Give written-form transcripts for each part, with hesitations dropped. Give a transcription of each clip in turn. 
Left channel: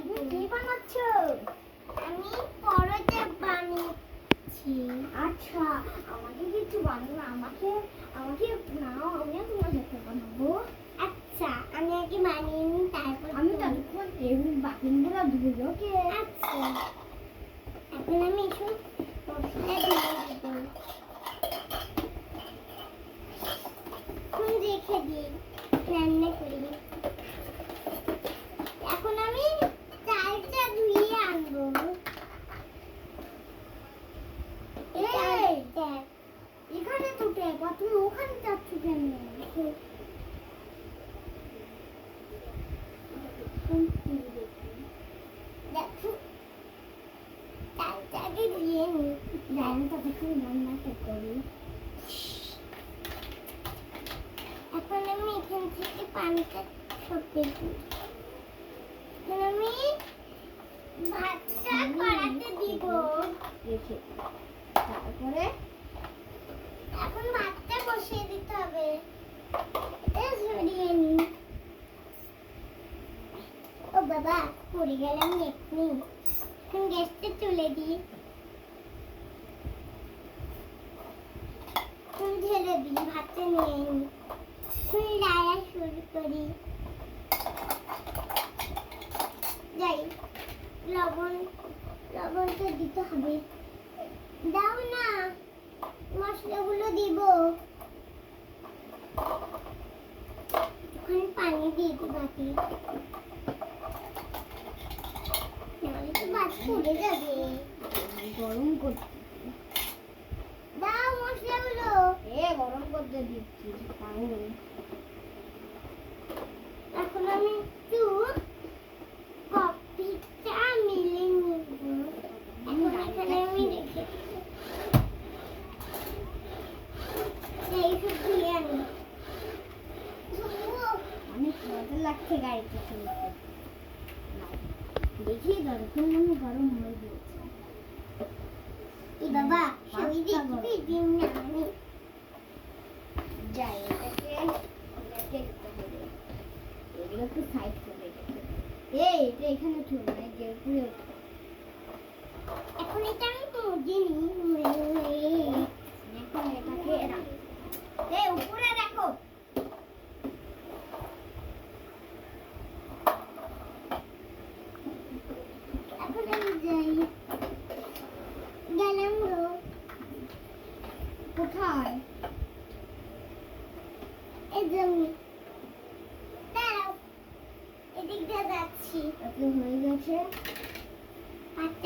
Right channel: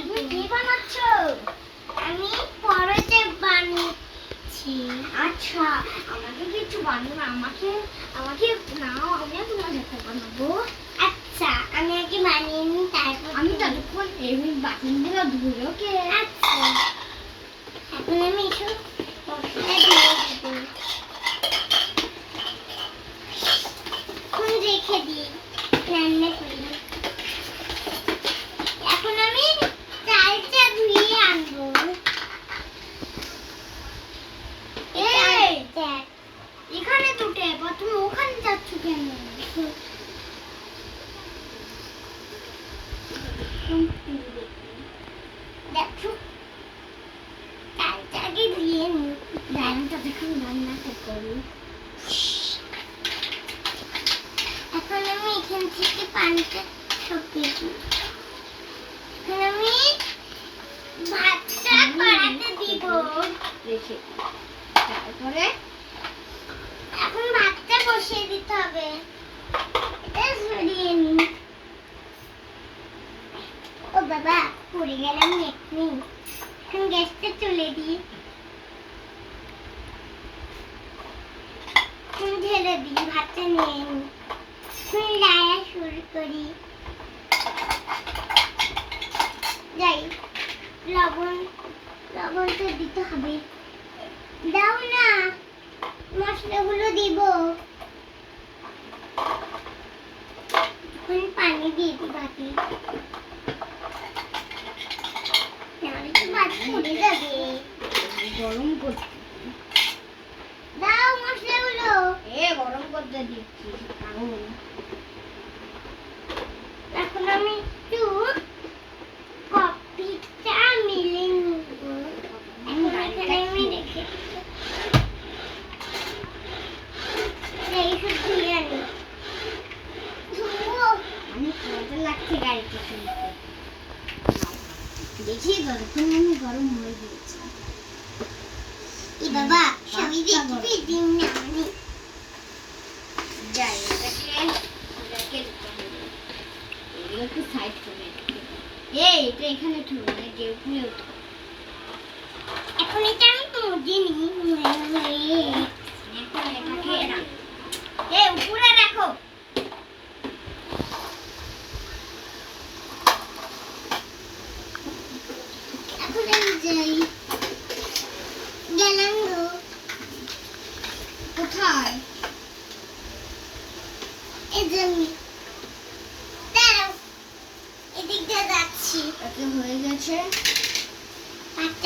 তুমি কি বানাচ্ছো? আমি পরোটা বানাচ্ছি। আচ্ছা, আমাকে কিছু বানাও না, আমাকে নাও, আমিও তোমার সাথে বানাবো। আচ্ছা, আমি আগে বানিয়ে নিই, তারপর আমি ততক্ষণ এমনি বাসনগুলো ধুয়ে ওকে। আচ্ছা, এখন আমি এসব মশলা দিয়ে দেবো। এখন রেখে দিই, রান্না করি। এখন আমি চালটা ধুয়ে আনবো। এখানে টুটে, তুমি ওখানে যাচ্ছ কেন? দেখো, চালটা আগে ধুয়ে নি, রান্নাটা যখন রান্নাটা করি। এখন আমি এখান থেকে পানিটা সরিয়ে দিই। এখন আমি ভাতটা কড়াইতে দিব। তারপরে এখন ভাতটা বসিয়ে দিতে হবে। এটা সরিয়ে নি। ও বাবা, পড়ে গেলাম এক্ষুনি। এখন গ্যাসটা তুলে দিই। এখন ঢেলে দিই, ভাতটা নিয়ে নি। এখন রান্না শুরু করি। যাই, লবণটা দিতে হবে। দাও না, মশলাগুলো দিব। এখন পানি দিয়ে দিই বাটি। নাহলে তো ভাত পুড়ে যাবে। গরম করতে দাও মশলাগুলো। গরম করতে দিচ্ছি। এখন আমি একটু কফিটা মিলিয়ে নিব। এখন এখানে আমি রেখে এইসব ধুয়ে আনি। অনেক মজা লাগছে গাড়িতে শুনতে। দেখি ততক্ষণ আমি গরম হয়ে গিয়েছে। বাবা, সবই দেখবি দিন না মানে। যাই, এটাকে একটু সাইড করে এটা এখানে ঠুলো না, যে উপরে উঠো। এখন এটা আমি তুলে নিই। এখন এটাকে উপরে রাখো। এখন আমি যাই, গেলাম গো। কোথায়? এই যে দাঁড়াও, এদিক দিয়ে যাচ্ছি। এটা হয়ে গেছে।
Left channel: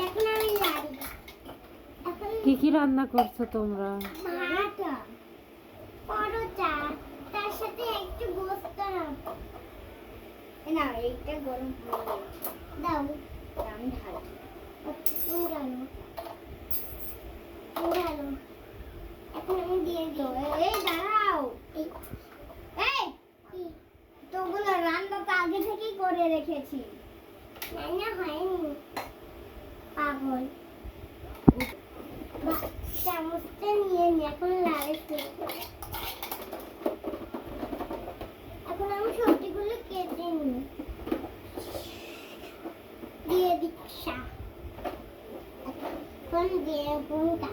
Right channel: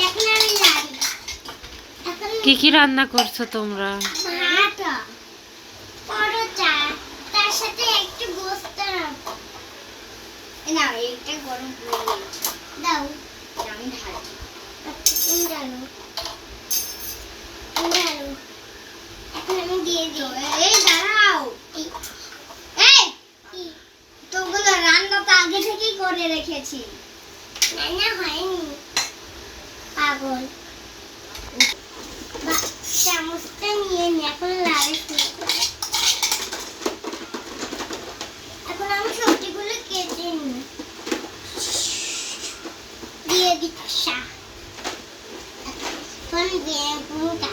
এখন আমি লাড়ি। কি কি রান্না করছো তোমরা? ভাত, পরোটা, তার সাথে একটু গোস্ত রাখো। না, এটা গরম করে দিয়েছি। দাও, আমি ঢালি। তুমি ঢালো। এখন আমি দিয়ে দিই। এই দাঁড়াও, তোগুলো রান্না তো আগে থেকেই করে রেখেছি। রান্না হয়নি, পাগল। চামচটা নিয়ে নি, এখন লাড়ে শুরু করি। এখন আমি সবজিগুলো কেটে নিই, দিয়ে দিচ্ছি। এখন বেগুনটা